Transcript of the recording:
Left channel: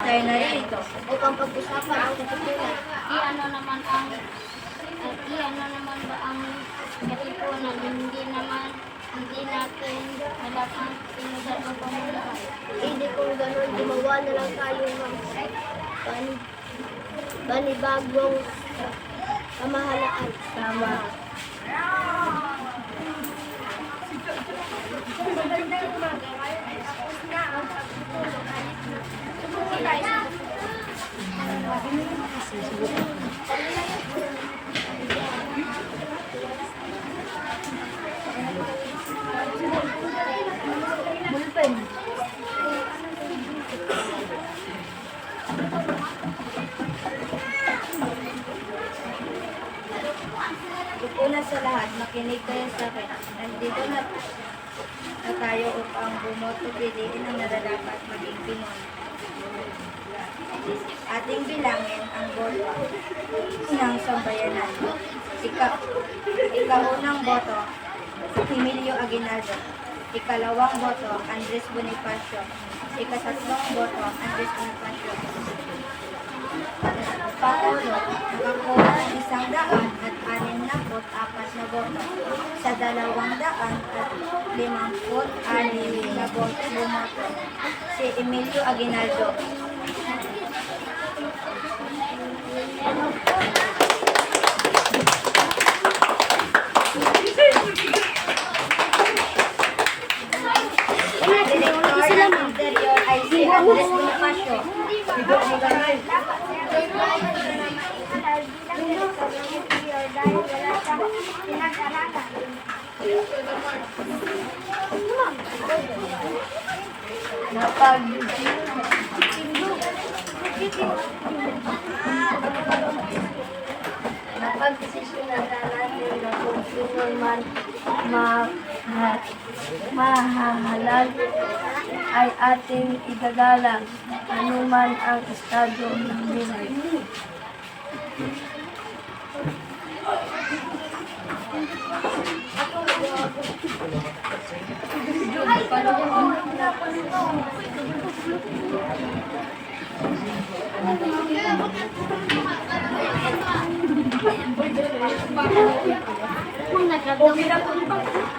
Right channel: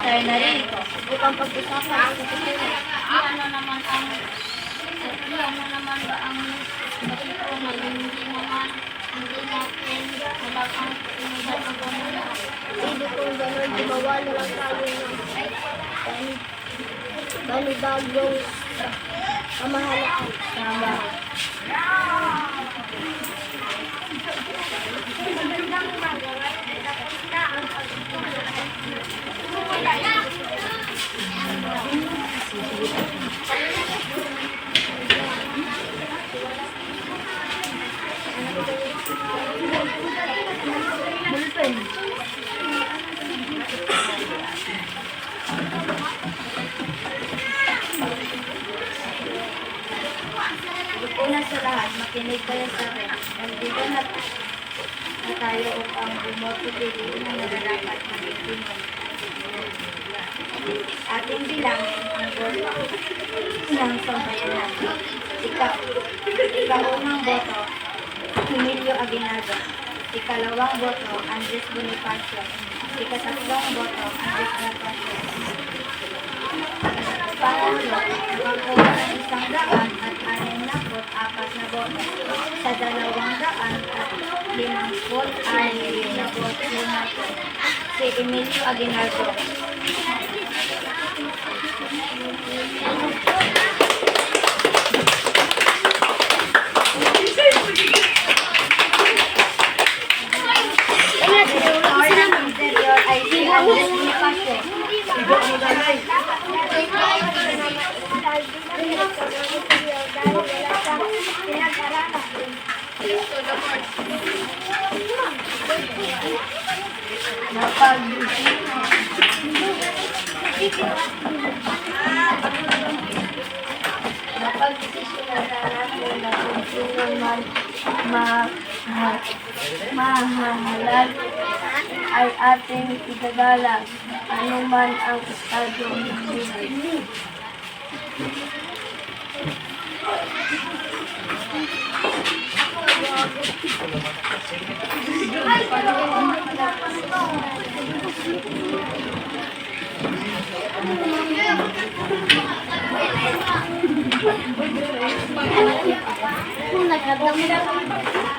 Tayo na rito. Upang pag-usapan ang katipunan. Iyan na naman ba ang katipunan? Hindi natin alam ang sinunod ng Panginoon. Hindi kung gano'n, gumawa na lang tayo ng panibagong pamahalaan. Tama. Una sa lahat, makinig kayo sa akin. Nandito na tayo upang bumoto piliin ang nararapat maging Pinoy. Ating bilangin ang boto ng sambayanan. Ikaunang boto, Emilio Aguinaldo. Ikalawang boto, Andres Bonifacio. Ikatatlong boto, Andres Bonifacio. Pangatlo, nakakuha ng 104 na boto sa 256 na boto bumoto si Emilio Aguinaldo. Ang interior ay si Andres Bonifacio. Napag-desisyonan natin na kung sino man mahahalal ay ating igagalang anuman ang estado ng buhay. Kung nagkadami